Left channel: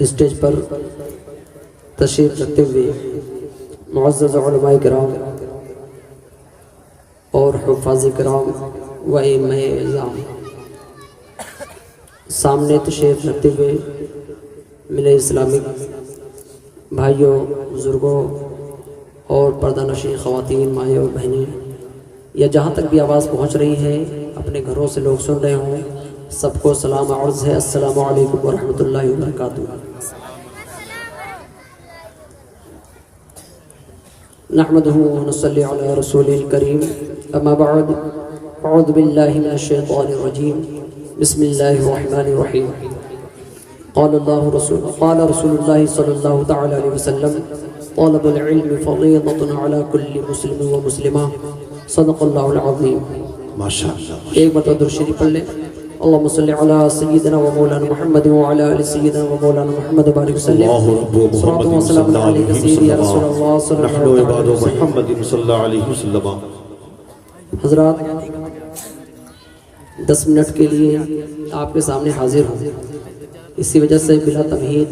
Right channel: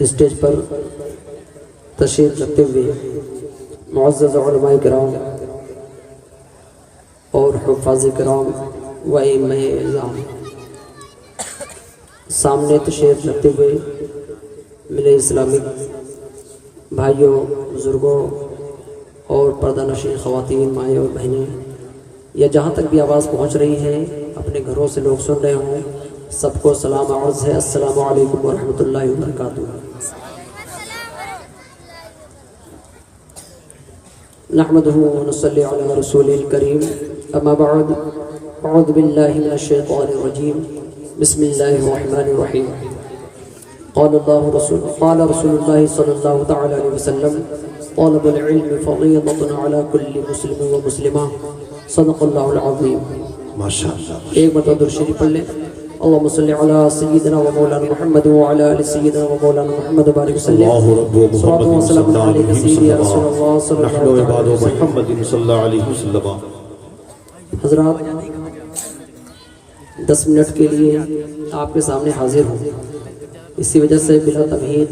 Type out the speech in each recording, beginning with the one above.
Stage پر تشریف رکھتے ہوئے معزز علماء کرام اور حفاظ کرام و ائمہ اعظام، سامنے تشریف رکھتے ہوئے میرے اسلامک بھائیوں، بزرگوں اور پردہ نشین خواتین، مائیں اور بہنیں، یا جہاں تک بھی آواز پہنچ رہی ہے، اپنے گھروں سے لوگ سن رہے ہوں، سب کو سلام عرض ہے۔ السلام علیکم ورحمۃ اللہ وبرکاتہ۔ نحمده ونصلي على رسوله الكريم، اما بعد، اعوذ باللہ من الشیطان الرجیم، بسم اللہ الرحمن الرحیم۔ قال رسول اللہ صلی اللہ تعالی علیہ وسلم، طلب العلم فریضۃ علی کل مسلم و مسلمہ، صدق اللہ العظیم۔ ماشاء اللہ۔ ایک مرتبہ درود شریف پڑھ لیں۔ اللهم صل على سيدنا ومولانا محمد وعلى ال سيدنا ومولانا محمد وبارك وسلم۔ اللہ رب محمد صلی اللہ علیہ وسلم، نحن عباد محمد صلی اللہ علیہ وسلم۔ حضرات، 10 منٹ کے لیے آپ کے سامنے حاضر ہوں، اسی وجہ سے بلا تمہید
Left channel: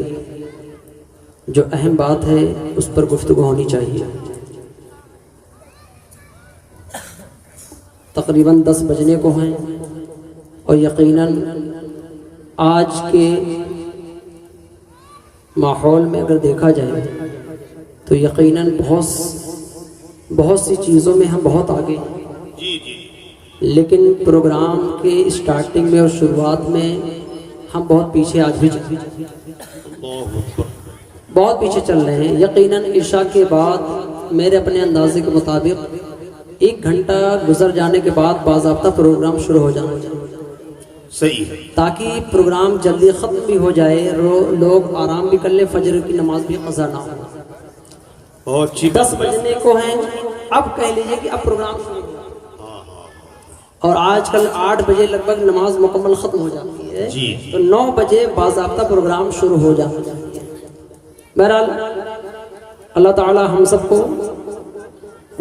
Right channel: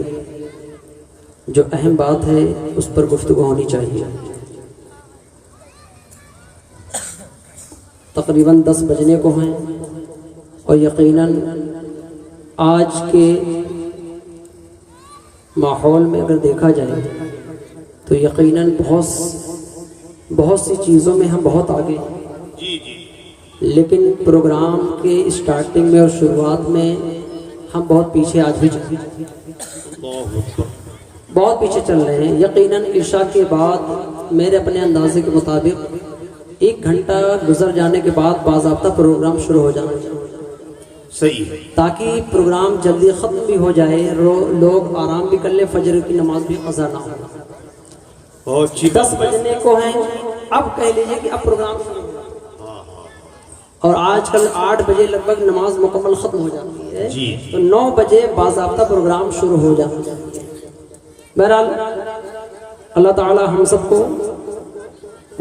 جو اہم بات ہے اس پر گفتگو ہونی چاہیے۔ تقریباً 10 بجنے کو ہیں، اور یقیناً آج کے ماحول میں اگر دیکھا جائے تو یقیناً بہت سی چیزوں میں ہم بہت آگے ہیں، لیکن پروگرام کے اسٹارٹنگ میں اور شروعات میں ہم بہت پیچھے آج بھی بہت پیچھے چل رہے ہیں۔ یقیناً عشاء کے بعد میرے اپنے اندازے کے مطابق 1 گھنٹہ گزر جانے کے بعد باضابطہ پروگرام شروع ہو جانا چاہیے، صحیح ہے، تاکہ پروگرام جلدی ختم بھی ہو جائے، لوگ آرام بھی کر لیں، فجر کی نماز بھی قضا نہ ہو۔ بہت اچھی 10 بجنے کو ہیں، اب کہہ لیجیے کہ اب پروگرام شروع ہو، اور آج کل 8 بجے لگ بھگ نماز مکمل ختم ہو جاتی ہے، تو 9 بجے باضابطہ پروگرام شروع ہو جاتا ہے۔ بہرحال اللہ تعالی ہم سب کو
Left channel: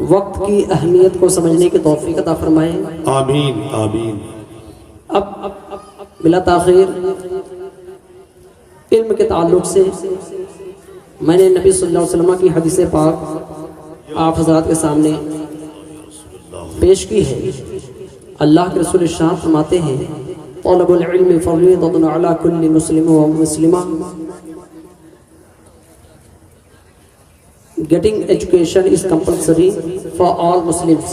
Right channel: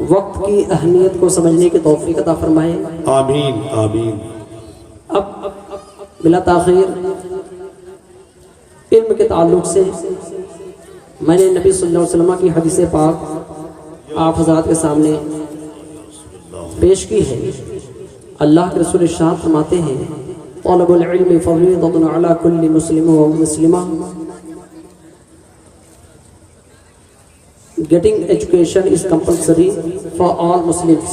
وقت کی اہمیت کو سمجھنے کی توفیق عطا فرمائے، آمین آمین۔ اب بلا تاخیر علم کے تعلق سے میں نے نبی صلی اللہ علیہ وسلم کی حدیث پاک آپ حضرات کے سامنے پیش کی ہے۔ اللہ کے رسول ارشاد فرماتے ہیں، طلب العلم فریضۃ علی کل مسلم و مسلمہ، getting education is compulsory for all Muslims۔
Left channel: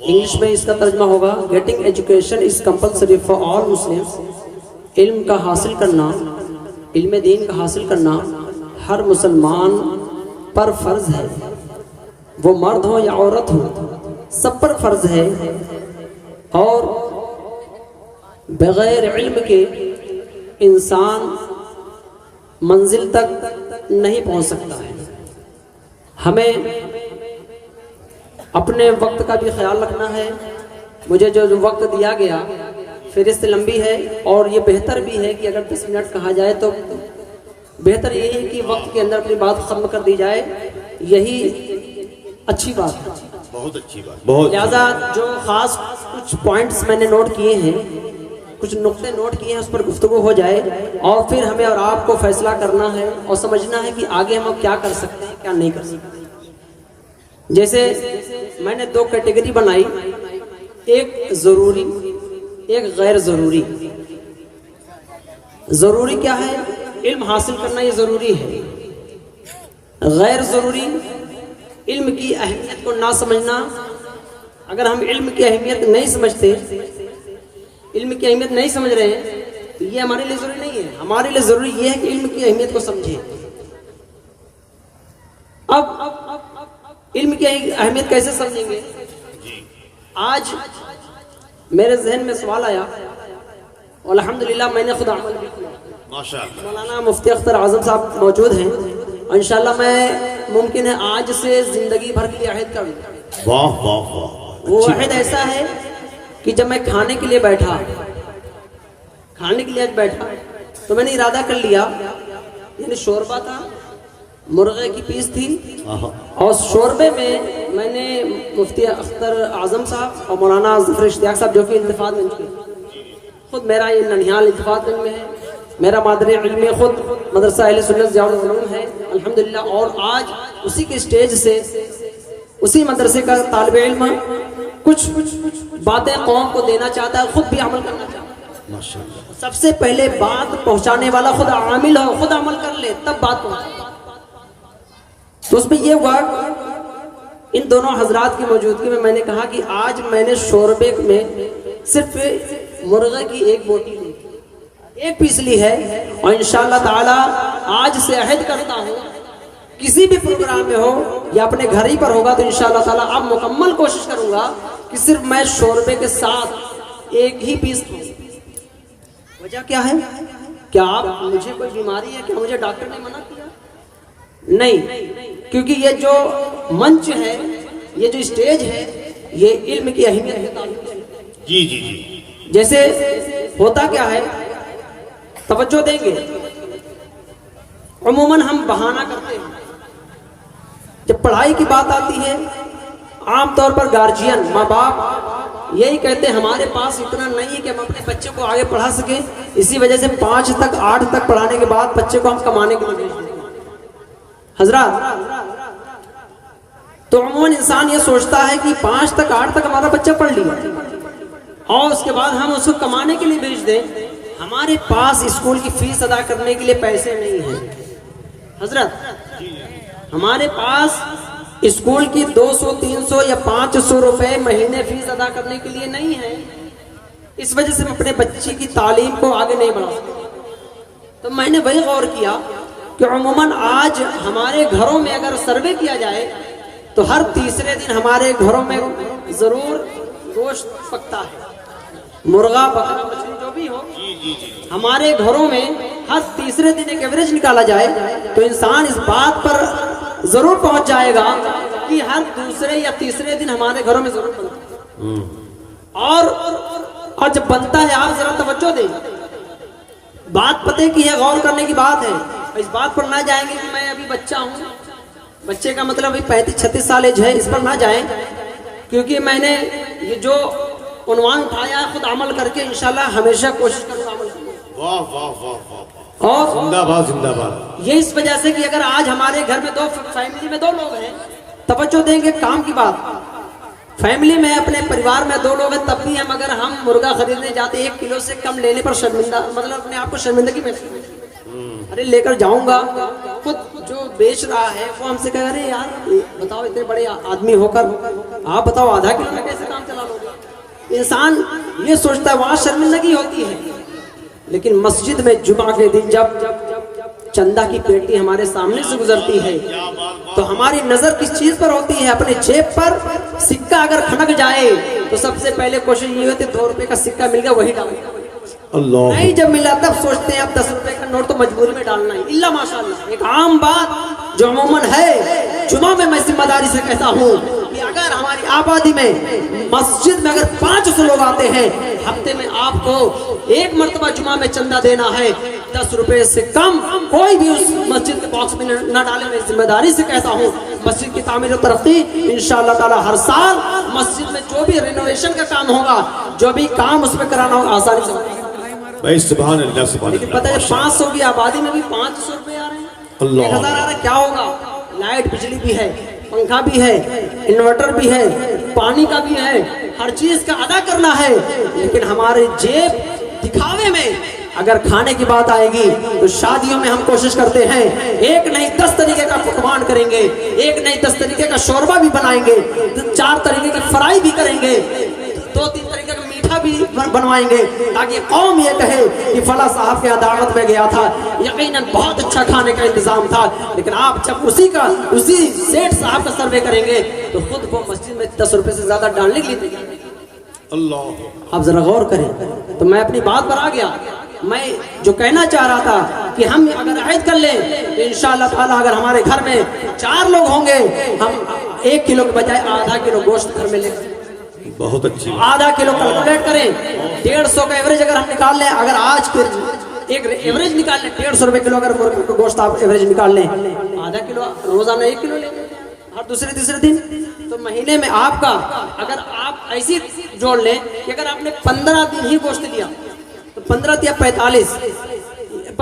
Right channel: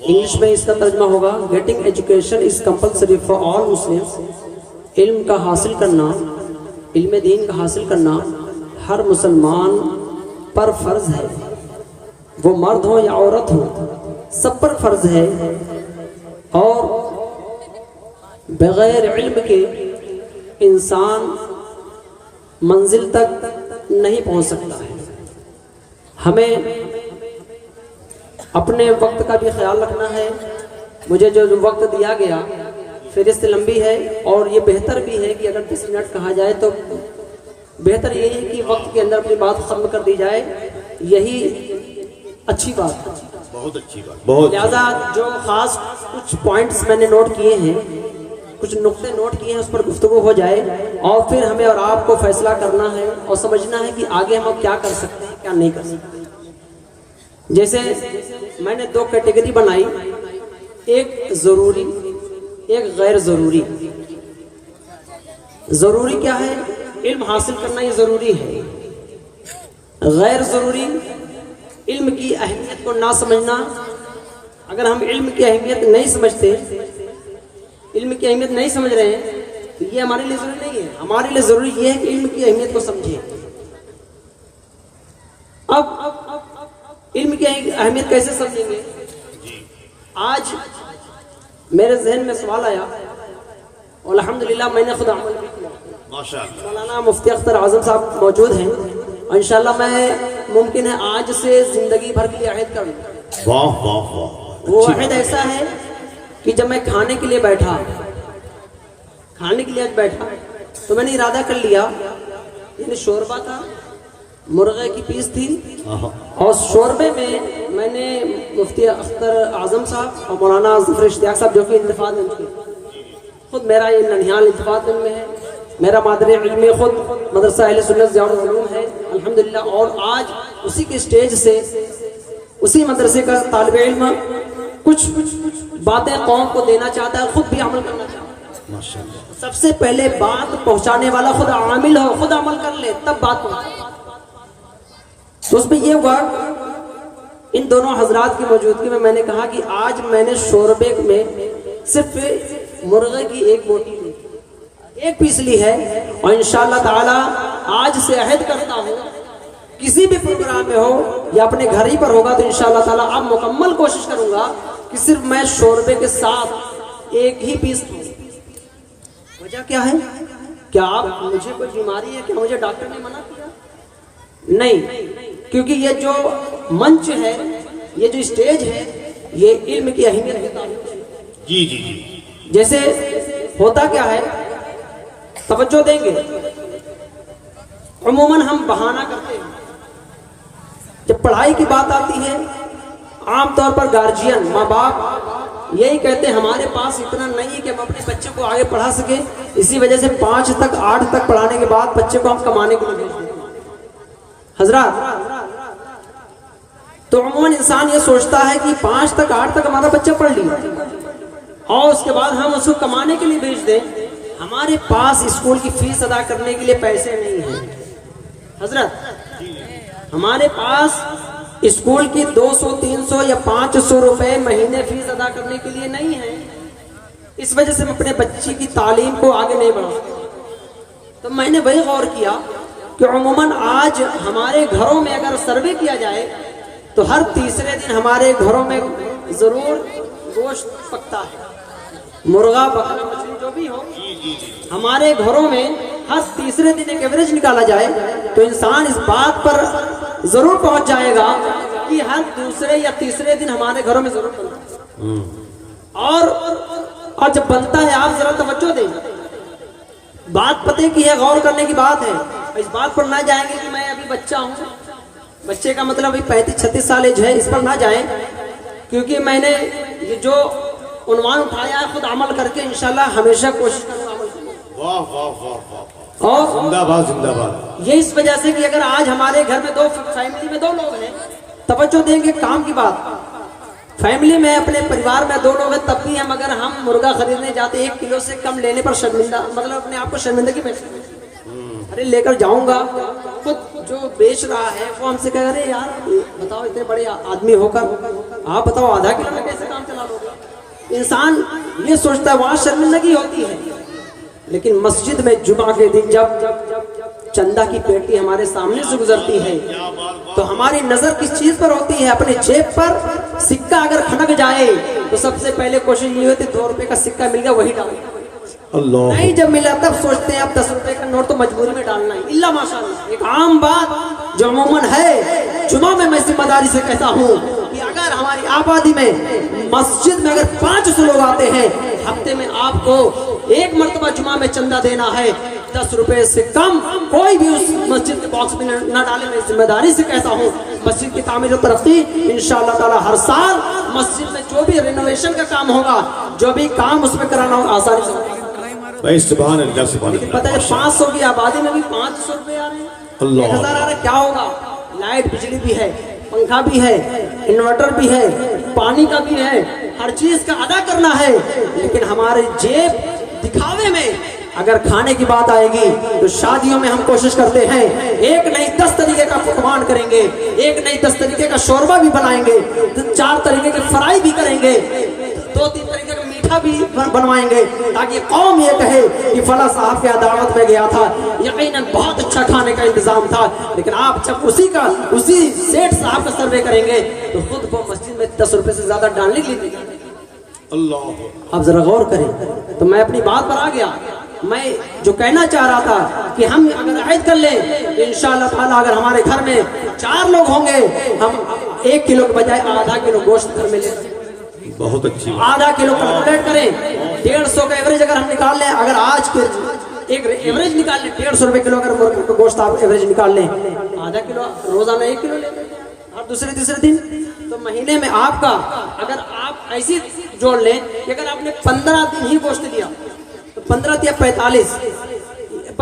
English میں اس کا ترجمہ ہوگا، getting education is compulsory for all Muslims۔ علم کا حاصل کرنا، علم دین کا حاصل کرنا ہر مسلمان پر فرض ہے، وہ مرد ہو یا عورت ہو، سب پر فرض ہے، اور بغیر علم کے انسان منزل تک نہیں پہنچ سکتا ہے۔ ہمیں اپنے وقت کا بھی خیال رکھنا ہے۔ مجھے جو وقت دیا گیا فہرست لمبی ہے، اور یہ بہتر بھی ہے کہ اگر 10 منٹ کہا جائے تو بہتر یہی ہے کہ وقت کے اندر اپنی بات ختم کر دی جائے، یہی اچھی بات ہے، بہت اچھی بات، بہت۔ لہذا جو خاص کچھ پوائنٹس میں نے نوٹ کیے ہیں، کچھ نقطے نوٹ کیے ہیں، اس پر گفتگو ہو جائے، اور پھر ہمیں اور آپ کو فیصلہ کرنا ہے اور سمجھنا ہے کہ آگے ہم اب کیا کر سکتے ہیں، کیا نہیں کر سکتے۔ جیسے میں نے 2 کیٹیگری بنائی، ایک ضروری، ایک غیر ضروری۔ ضروری کیا ہے؟ علم حاصل کرنا یہ ضروری ہے۔ غیر ضروری، علم کی اہمیت کو نہ سمجھنا۔ اگر ہم علم کی اہمیت نہیں سمجھتے، علم کی اہمیت نہیں سمجھ رہے ہیں، تو یہ ہمارے لیے ضروری نہیں ہے۔ ہمارے لیے ضروری یہ ہے کہ علم کی اہمیت کو سمجھیں۔ اب علم کی اہمیت کیسے سمجھیں گے؟ آج میرے ذہن میں سوال آیا، اور الحمدللہ میں نے خود عمل بھی کیا۔ مولانا مفتی اختر اعظم صاحب موجود ہیں، انشاءاللہ میں ممکن ہے آج سے زندگی بھر کے لیے عہد کر لوں۔ واہ واہ واہ۔ وہ عہد ایسا ہے کہ جب میں کھانے کے لیے بیٹھا تو میں نے ارادہ کر لیا، یعنی شوربہ تھا، مرغے کی پیس تھی، اور شوربے میں میں نے مفتی اختر اعظم صاحب اور مولانا ظفر اشتیاق صاحب جو کہ انتفاع میں، خود میرا یہ ننھیال انتفاع میں ہے، میرا مادر علم خود مدرسہ اہل سنت ضیاء العلوم ہے الحمدللہ، اور آج اسی کے سٹیج سے اسی مدرسے کا طالب علم کچھ باتیں قوم کو دینا چاہتا ہے، خود بھی عمل کرنا چاہتا ہے۔ ماشاءاللہ۔ سب سے پہلے بات پہنچانے والا خود عامل ہو، خود عمل کر لے تب بات پہنچے۔ تو اس میں یہ ہوا، ان دونوں حضرات کی موجودگی میں نے کہا کہ آج میں نے شوربے میں صرف مرغے کی ایک بوٹی لی، ایک پیس لی ہے، اور انشاءاللہ تعالی آج سے عہد کرتا ہوں کسی بھی پروگرام میں ہو یا اپنے گھر ہی پر ہوگا تو انشاءاللہ تعالی اب مکمل کوشش کروں گا کہ صرف میں شوربے کے ساتھ ایک ہی پیس کھاؤں۔ وجہ کیا ہے؟ کیا آپ مجھے کوئی بیماری ہے کہ مجھے ڈاکٹر نے منع کیا؟ نہیں، کیونکہ یہ جو منچ ہے، یہ جو اسٹیج ہے، یہ علم کی اہمیت ہے۔ جی جی جی، جیسے ہوتا کیا ہے، توجہ دیں گے، عموماً ہم بہانہ کرتے ہیں جب پڑھائی کی بات آتی ہے، عام طور پر گارجین ماں باپ یہی کہتے ہیں ہمارے پاس اتنا نہیں ہے کہ ہم اپنے بچے کو آگے پڑھا سکیں، اسی وجہ سے 5 تک 8 تک پڑھانے کے بعد بچے کو ہم کمانے کے لیے بھیج دیتے ہیں۔ حضرات، تو عموماً انسان یہ سوچتا ہے کہ 5 تک 8 تک ہمارا بچہ پڑھ لیا اور اس کے بعد ہم اس کو کمانے کے لیے بھیج دیں، ہمارے پاس اسکول کی فیس ادا کرنے کے لیے پیسے نہیں ہیں۔ حضرت، ہمارے پاس اسکول کی 200 300 یا 500 روپے مہینے فیس ادا کرنے کے لیے نہیں ہے، اس وجہ سے ہم اپنے بچے کی تعلیم کو آگے نہیں بڑھا سکتے۔ تو میں نے وہی غور کیا کہ عموماً آج ہمارے گھروں میں اگر سروے کیا جائے تو ہر تیسرے دن ہمارے گھروں میں ضرور گوشت پکتا ہے، مرغا بکرا مچھلی جو بھی ہو، ہمارے گھروں میں ہر تیسرے دن ایک ایوریج نکالا جائے تو انسان اس بات پر ضرور پہنچ جائے گا کہ ہر دوسرے یا تیسرے دن ہمارے گھروں میں ضرور بنتا ہے۔ اور جب بنتا ہے، آپ ذرا توجہ دیں، بات پتے کی ہے، غور کرنے کی بات ہے، اس بات پر نہ جائیں گے کہ میں ابھی بچہ ہوں، بچے کا مطلب ابھی 35-36 سال ایج ہے، اس پر نہ جائیں، کیونکہ میں نے یہ جو عنوان اٹھایا ہے خود عمل کر کے انشاءاللہ ہمیشہ کوشش کروں گا عمل کرنے کی۔ واہ واہ واہ واہ، اور زندہ باد زندہ باد۔ یہ اس وجہ سے کہ اگر آج ہمارے گھر میں فیملی میں 2 لوگ ہیں، توجہ دیں گے کام کی بات، فیملی میں اپنے پریوار میں 2 لوگ ہیں، تب بھی ہم اگر ہم مرغا خریدنے جاتے 1 کلو سے کم لینے پر شرمندہ، مطلب اپنے آپ کو شرمندگی محسوس، ارے لے کر جاؤں گا تو جو بیچ رہا ہے وہ ہم سے کہہ رہے یار بتاؤ اتنے بڑے آدمی ہو کر آپ بتاؤ آدھا کلو میں کیسے کام چلا لو گے؟ انسان یہ سوچتا ہے، وہاں شرمندگی ہوتی ہے، لیکن مسجد میں جمعہ کے دن جب چندہ کی پیٹی ہمارے سامنے سے گزرتی ہے تو ہماری نظر کس چیز پر ہوتی ہے؟ اپنے جیب پر سکہ اگر کھنک جائے تو سب سے پہلے کوشش یہ ہوتی ہے 2 روپے کا سکہ مل گیا وہی ڈالیں، اللہ، نہیں جب ملا تب سوچتے ہیں اب 10 روپے کا نوٹ تو مجبوری میں ڈالنا ہے، اللہ ماشاءاللہ۔ ایک عام بات جو عموماً ہے، جمعہ میں ذمہ داری سے کہتا ہوں کہ اگر ہماری آبادی میں مسجد میں اگر 500 لوگ آتے ہیں، ہفتے میں آپ کو 1 مرتبہ جمعہ میں چندہ دینا ہے، 10 روپے سے کم کوئی بھی اس مسجد کے باکس میں نہ ڈالے۔ میں ذمہ داری سے کہتا ہوں مسجد کی تعمیر و ترقی انشاءاللہ تعالی ہر سال مسجد میں جو بھی رینوویشن کا کام ہوگا، جو بھی کام اس میں کرانا ہوگا آسانی سے ہوگا۔ سبحان اللہ سبحان لیکن پتہ ہے 500 کی آبادی میں بھی 500 روپے آ رہے ہیں، اللہ، 1000 آ رہے ہیں، کیا ہوگا؟ لائٹ بجلی بھی ہے، پنکھا بھی ہے، انورٹر بھی ہے، پانی کا بھی ہے، ہر چیز کا ادا کرنا ہے، لیکن ہمارے جیب دکھاوے میں اگر کھانے کی بات آئے گی تو شادیوں میں ہم کوشش کرتے ہیں 1 نہیں 10 طریقے کا پکوان کریں گے، 1 نہیں 10 طریقے کا شوربہ بھی بنائیں گے، 4 طریقے کی فرائی بھی کریں گے، 2-3 طریقے کا میٹھا بھی بنوائیں گے، تاکہ قوم یہ کہے کہ فلاں صاحب کے دعوت میں گیا تھا، یقیناً بہت اچھا کھانے کا انتظام تھا۔ لیکن آپ جب اسی سیٹ صاحب کا سروے کریں گے تو خود وہ مسجد میں 10 روپے سے زیادہ ڈالنے کے لیے اللہ، آپ ذرا غور کریں۔ تو میں اپنی بات پر آ گیا، میں جو کہنا چاہ رہا تھا کہ ہم اگر عہد کر لیں تو انشاءاللہ تعالیٰ اگر ہمارے گھر میں 4 لوگ ہوں گے، ہم 1 کلو کے بجائے آدھا کلو گوشت گھر میں لیں، بہت اچھی بات۔ آدھا کلو کیلکولیٹ کریں، 150 کا ایوریج اگر ہم نکال لیں، اگر آج کے ایک ایوریج نکال لیں 150 روپے کلو اگر گوشت آپ ایوریج نکال لیں، آدھا کلو روزانہ 1 کلو لیں اور دوسرے تیسرے دن، تو مہینے میں آپ کا اگر آپ ایسی جوڑ لیں کہ اگر آپ نے 15 دن ہی گوشت لیا تو 15 یا 45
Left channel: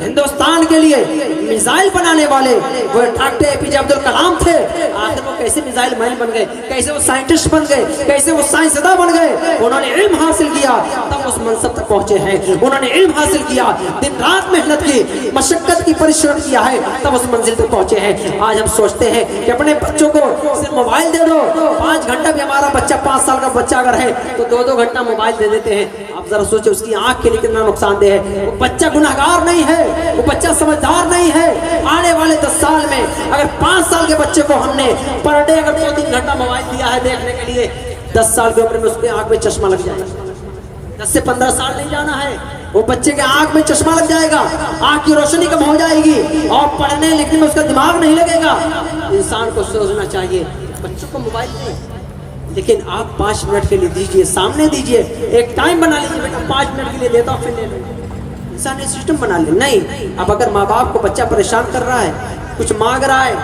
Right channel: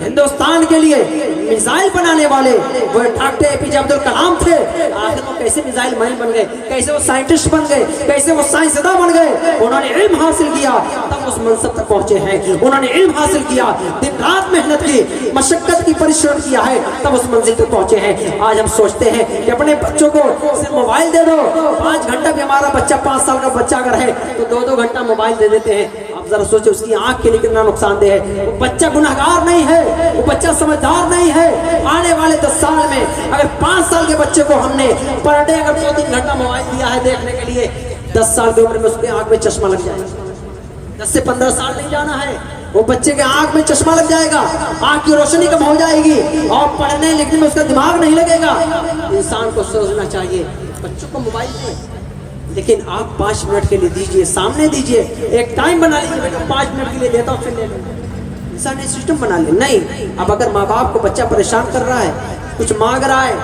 ہندوستان کے لیے میزائل بنانے والے وہ ڈاکٹر اے پی جے عبد الکلام تھے. آخر وہ کیسے میزائل مین بن گئے, کیسے وہ سائنٹسٹ بن گئے, کیسے وہ سائنسداں بن گئے؟ انہوں نے علم حاصل کیا تب اس منصب تک پہنچے ہیں. انہوں نے علم حاصل کیا, دن رات محنت کی, مشقت کی, پریشان کیا ہے, تب اس منزل تک پہنچے ہیں. آج ہم سوچتے ہیں کہ اپنے بچوں کو صرف موبائل دے دو, 5 گھنٹہ بھی ہمارا بچہ 5 سال کا بچہ اگر ہے تو 2 گھنٹہ موبائل دے دیتے ہیں. آپ ذرا سوچیں اس کی آنکھ کے لیے کتنا نقصان دہ ہے. وہ بچہ گناہگار نہیں ہے, وہ بچہ سمجھدار نہیں ہے. آنے والے 10 سال میں اگر 5 سال کے بچے کو ہم نے پر ڈے اگر 2-3 گھنٹہ موبائل دیا ہے دیکھنے کے لیے, 10 سال کی عمر میں اس کے آنکھ میں چشمہ لگ جائے گا. 10 سے 15 سال نہیں جانا ہے, وہ بچے کے آنکھ میں چشمہ لگ جائے گا, آنکھ کی روشنی کم ہو جائے گی اور پڑھنے لکھنے میں اس کا دماغ نہیں لگے گا. انسان کو سوچنا چاہیے بچوں کو موبائل دیں, لیکن آپ 5 منٹ کے لیے دیجئے, سامنے دیجئے, ایک ٹائم بنا لیجیے, 5 منٹ کے لیے دیتا ہوں پھر لے لیں. انسان نے سسٹم بنا لیا. نہیں, اب اگر ماں باپ کو بچہ پریشان کر رہا ہے, کچھ مانگ رہا ہے,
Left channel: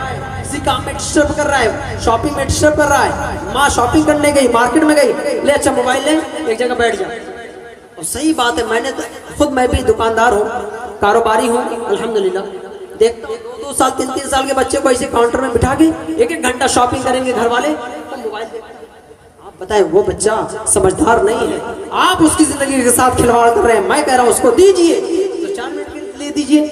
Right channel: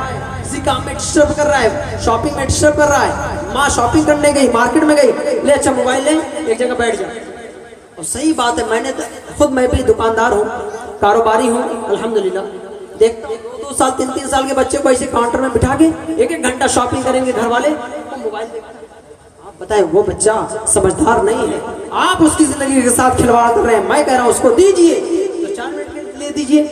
کسی کام میں ڈسٹرب کر رہا ہے, شاپنگ میں ڈسٹرب کر رہا ہے, ماں شاپنگ کرنے گئی, مارکیٹ میں گئی, لے اچھا موبائل لیں, ایک جگہ بیٹھ جائے. اور صحیح بات ہے, میں بھی دکاندار ہوں, کاروباری ہوں, الحمدللہ دیکھتا ہوں 2 سال 3 سال کے بچے کو ایسے کاؤنٹر میں بٹھا کے 1 گھنٹہ شاپنگ کریں گے گھر والے, تو موبائل دیکھیں. آپ بتائیں وہ بچہ سمجھدار نہیں ہے, آپ اس کی زندگی کے ساتھ کھلواڑ کر رہے ہیں. میں کہہ رہا ہوں اس کو دیجئے تو 4 منٹ کے لیے دیجئے,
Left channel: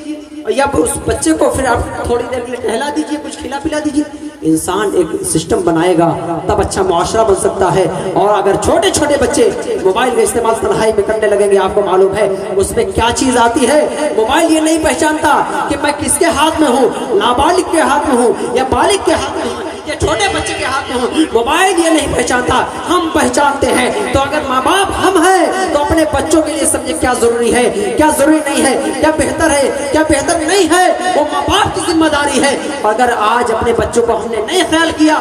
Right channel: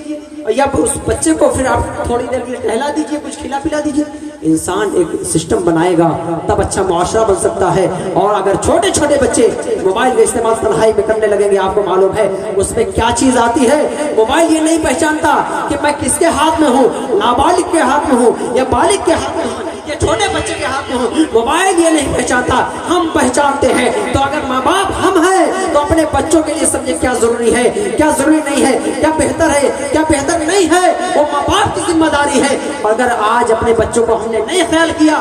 یا اس بچے کو پھر آپ تھوڑی دیر کے لیے ٹہلا دیجئے, کچھ کھلا پلا دیجئے. انسان ایک سسٹم بنائے گا تب اچھا معاشرہ بن سکتا ہے. اور اگر چھوٹے چھوٹے بچے موبائل کا استعمال پڑھائی میں کرنے لگیں گے, آپ کو معلوم ہے اس میں کیا چیز آتی ہے. موبائل یہ نہیں پہچانتا کہ میں کس کے ہاتھ میں ہوں, نابالغ کے ہاتھ میں ہوں یا بالغ کے ہاتھ میں ہوں یا چھوٹے بچے کے ہاتھ میں ہوں. موبائل یہ نہیں پہچانتا, ہم پہچانتے ہیں. تو اگر ماں باپ ہم ہیں تو اپنے بچوں کے لیے سمجھے کیا ضروری ہے, کیا ضروری نہیں ہے, کیا بہتر ہے, کیا بہتر نہیں ہے, وہ ماں باپ کی ذمہ داری ہے. اگر آج اپنے بچوں کو ہم نے نہیں خیال کیا,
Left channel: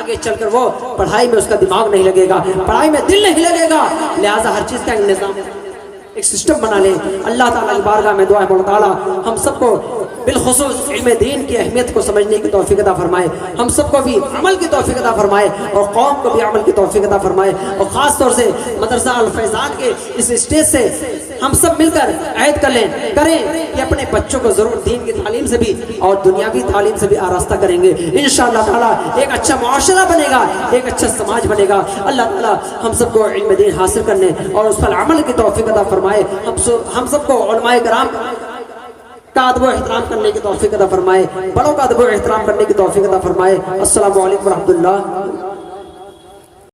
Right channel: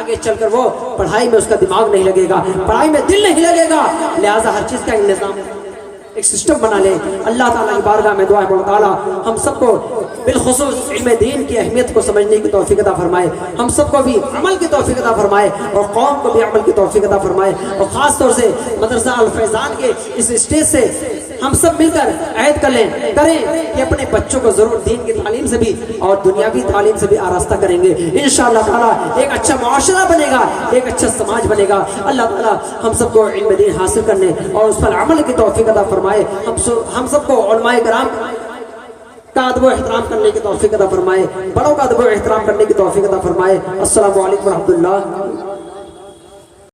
آگے چل کر وہ پڑھائی میں اس کا دماغ نہیں لگے گا, پڑھائی میں دل نہیں لگے گا. لہذا ہر چیز کا نظام ایک سسٹم بنا لیں. اللہ تعالیٰ کی بارگاہ میں دعا ہے مولا تعالیٰ ہم سب کو بالخصوص علم دین کی اہمیت کو سمجھنے کی توفیق عطا فرمائے, ہم سب کو بھی عمل کی توفیق عطا فرمائے اور قوم کو بھی عمل کی توفیق عطا فرمائے. اور خاص طور سے مدرسہ الفیضان کے اس اسٹیج سے ہم سب مل کر عہد کریں کہ اپنے بچوں کو ضرور دین کی تعلیم سے بھی اور دنیاوی تعلیم سے بھی آراستہ کریں گے. انشاءاللہ تعالیٰ ایک اچھا معاشرہ بنے گا, ایک اچھا سماج بنے گا. اللہ تعالیٰ ہم سب کو علم دین حاصل کرنے اور اس پر عمل کی توفیق عطا فرمائے. ہم سب کو علماء کرام کا ادب و احترام کرنے کی توفیق عطا فرمائے, بڑوں کا ادب و احترام کرنے کی توفیق عطا فرمائے. السلام علیکم ورحمۃ اللہ.